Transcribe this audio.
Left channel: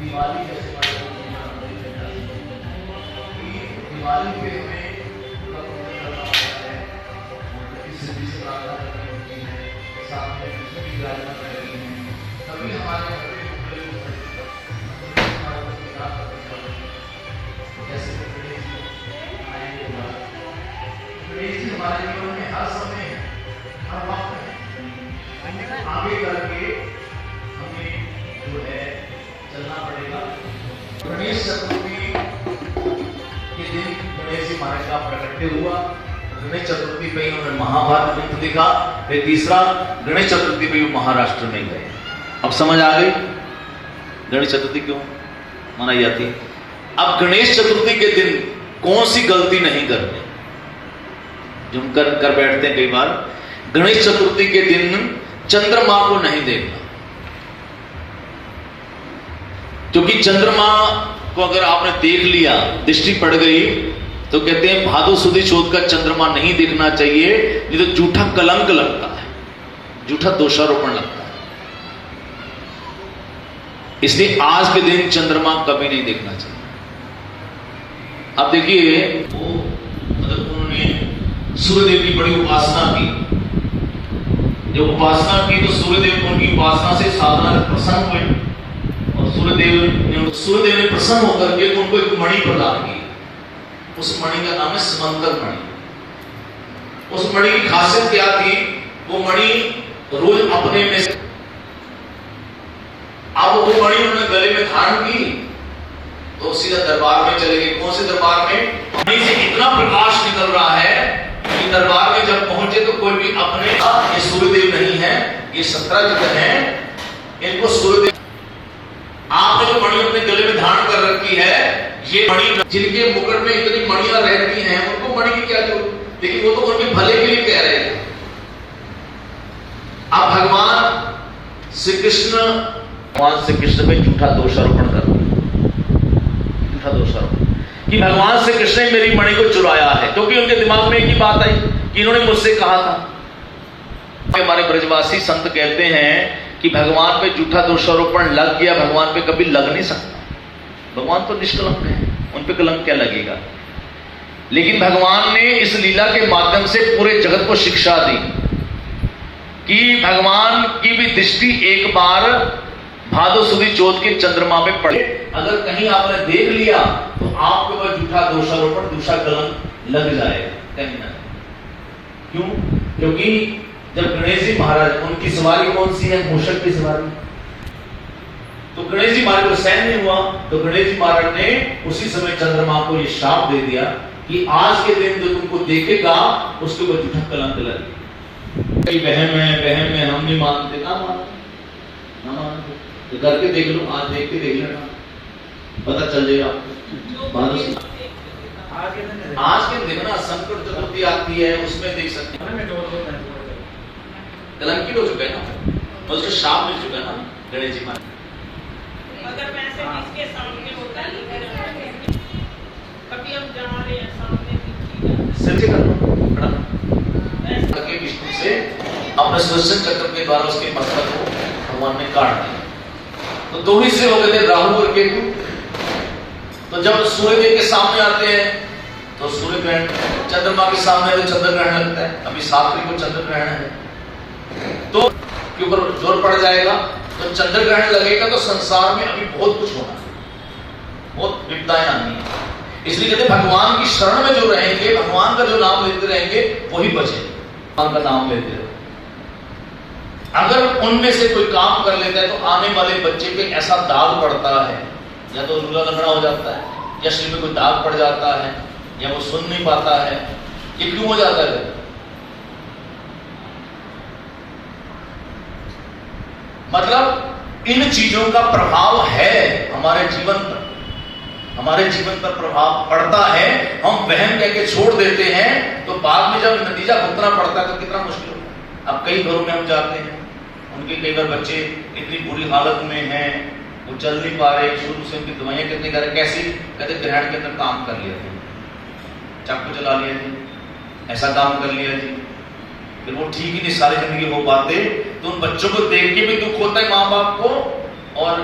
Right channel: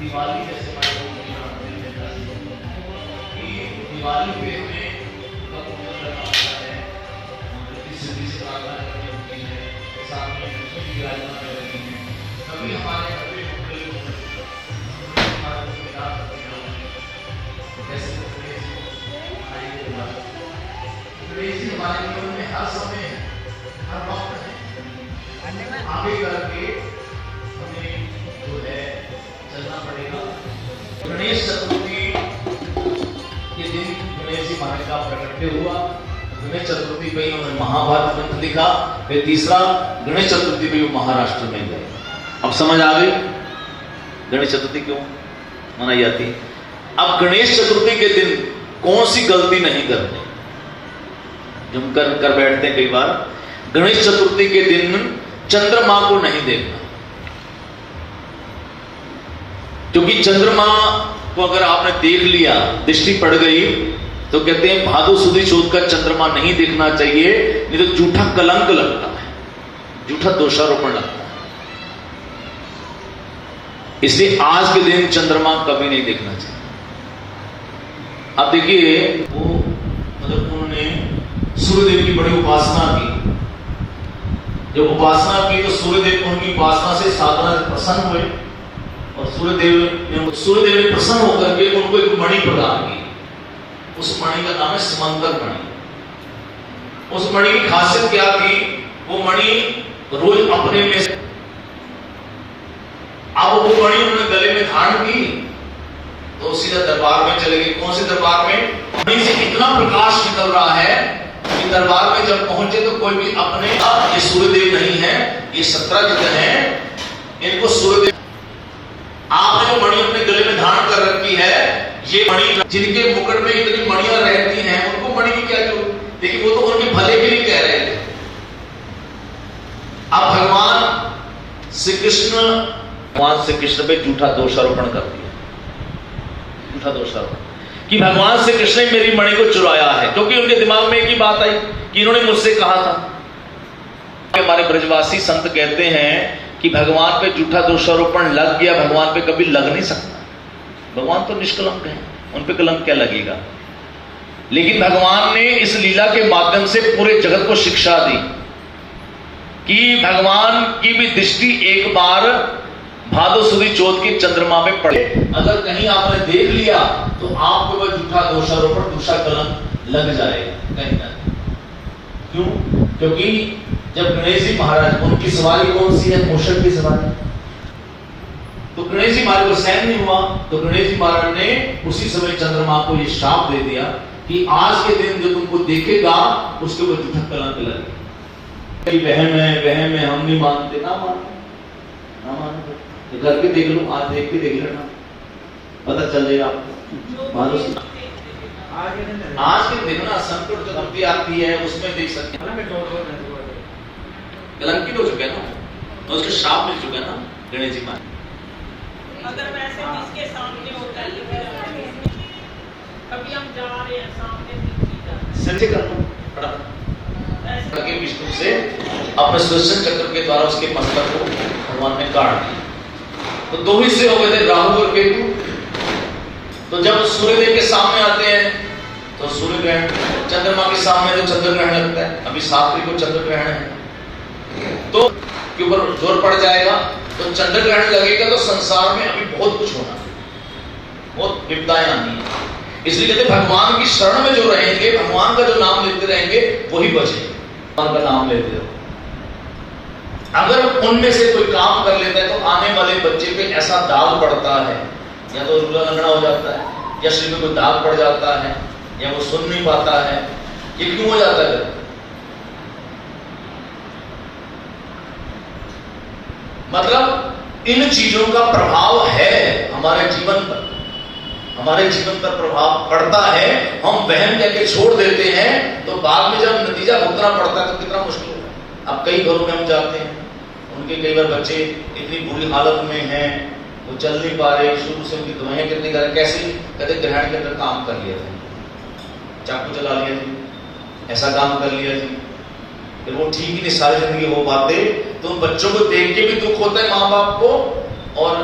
दिवाली जैसे दिवाली पे हमें उनका पूजन करना होता है और इस सिद्धि से प्रार्थना करनी होती है, साथ में लक्ष्मी की विराजमान कर रही है, तभी हमारे घर पे मंगल हो सकता कैसे गणेश मनाएंगे गणेश जी हमारे जीवन में हर समय है, हर वक्त है, आगे करके हमें जो है चलना पड़ेगा। गणेश चतुर्थी के दिन गणेश जी महाराज का प्रकट्य हुआ। गणेश चतुर्थी पे उन्होंने महाभारत ग्रंथ लिखा। फिर तीसरा गणेश चतुर्थी पे महाराष्ट्र में गए। अब समझ आ गई गणेश चतुर्थी क्यों मनाई जाती है। अब गणेश चतुर्थी के दिन कौन सी गलती नहीं करनी जो हम कर बैठते हैं कई बार। गणेश चतुर्थी के दिन चंद्रमा को नहीं देखना, क्योंकि चंद्रमा को अगर आपने देख लिया, दृष्टि पड़ गई, तो कहते हैं भादो सुदी चौथ का चंद्रमा नहीं देखना चाहिए, नहीं तो झूठा कलंक लगता है, झूठा दोषारोपण लगता है। इसलिए आज के दिन चंद्रमा कभी नहीं देखना चाहिए। अब देखिए वो मतलब उन्होंने सूर्यदेव की बड़ी उपासना की। जब उपासना की तो सूर्यदेव उनकी उपासना से साधना से प्रसन्न हुए और सूर्यदेव ने प्रसन्न होकर के उनको एक मणि प्रदान की। उस मणि का नाम है समंतर मणि। उस मणि की खासियत क्या थी, वो मणि रोज अपने में से अब वो मणि उन्होंने गले में धारण की तो सीधा दरबार में चले गए। कौन से दरबार में? मणि से इतना प्रकाश निकल रहा है कि दरबार में जब पहुंचे तो कोई भी अपने अब ये सूर्यदेव नहीं है, ये सत्राजित है, इनको सूर्यदेव। आपने जो मणि अपने गले में धारण कर रखी है, ये मणि जिनके मुकुट में इतनी मणियां रहती हैं उनको मणि की क्या जरूरत। देखिए वो तो उनके भले के लिए कह रहे हैं। अब भगवान श्री कृष्ण पे झूठा दोषारोपण कर दिया, झूठा दोषारोपण कि भगवान श्री कृष्ण ने मेरी मणि को चुराया है, क्योंकि उनके दिमाग में एक ही बात आई कि इन्होंने मुझसे कहा था। हमारे ब्रजवासी संत कहते हैं कि भगवान पे झूठा दोषारोपण लग गया, भगवान पे कभी लग नहीं सकता। भगवान तो निष्कलंक है, उन पे कलंक क्या लगेगा। लेकिन भगवान ने इस लीला के माध्यम से पूरे जगत को शिक्षा दी कि भगवान की भी दृष्टि एक बार भादो सुदी चौथ के चंद्रमा में पड़े। अगर कहीं आपने देख लिया तो आपके ऊपर झूठा दोषारोपण, झूठा कलंक लग जाएगा कहीं ना। क्यों? क्योंकि जब गणेश जी महाराज, उनकी सवारी कौन सी है? मूषक की सवारी। तो गणेश जी महाराज को सहन नहीं हुआ तो गणेश जी महाराज ने उसी समय चंद्रमा को ये शाप दे दिया कि आज के दिन जो तुमको देखेगा उसके ऊपर झूठा कलंक लगे। वहम है, हम नहीं मानते। ना मानते तो करके देख लो, आज देख के देख लेना, पता चल जाएगा आपको। आज के दिन ना संकट चतुर्थी आती है, उसमें देख सकते हैं कलंकित हो चुका है ना, तो उसको शाप मिल चुका है ना गणेश जी महाराज। अगर मैं ऐसे किसके सामने होता है, कभी हम जा रहे हैं सामने सच्चे करना खड़ा आगे विष्णु से अपने सुदर्शन चक्र के द्वारा उसके मस्तक को भगवान ने काट दिया। तो दो हिस्से हो गए थे, राहु और केतु। तो जब सूर्यदेव के सामने आते हैं तो सूर्य ग्रहण, चंद्रमा के सामने तो चंद्र ग्रहण लगता है। अभी 7 तारीख को चंद्र ग्रहण है तो के ऊपर जोर पड़ जाएगा। तो चंद्र ग्रहण लगेगा तो संसार में अभी बहुत कुछ होना है, बहुत विपदाएं आनी है। इसलिए कहते भगवान की शरण में जो रहेंगे, भगवान का जो नाम लेते रहेंगे वही बचे। भगवान का नाम लेते रहो। अगर उनमें से कोई काम कर लेता है तो आने वाले बच्चे पे ऐसा दाग पड़ता है, या तो रूला लंगड़ा हो जाता है, या शरीर में कोई दाग पड़ जाता है, या वो सुन नहीं पाता है। ये क्यों हो जाता है? मतलब इन चीजों का प्रभाव है हमारे जीवन पर, हमारे जीवन पर प्रभाव पड़ता है। हम वहम कह के छोड़ देते हैं तो बाद में जब नतीजा भुगतना पड़ता है तो कितना मुश्किल होता है। अब कई घरों में हम जाते हैं, उनके कई बार बच्चे इतनी बुरी हालत में हैं, वो चल नहीं पा रहे, शुरू से उनकी दवाइयां कितनी कर, कैसी कहते ग्रहण के अंदर काम कर लिया था, चाकू चला लिया थी, ऐसा काम कर लिया थी, फिर वो ठीक ही नहीं सारी जिंदगी हो पाते। तो उन बच्चों को देख के भी दुख होता है माँ बाप को, और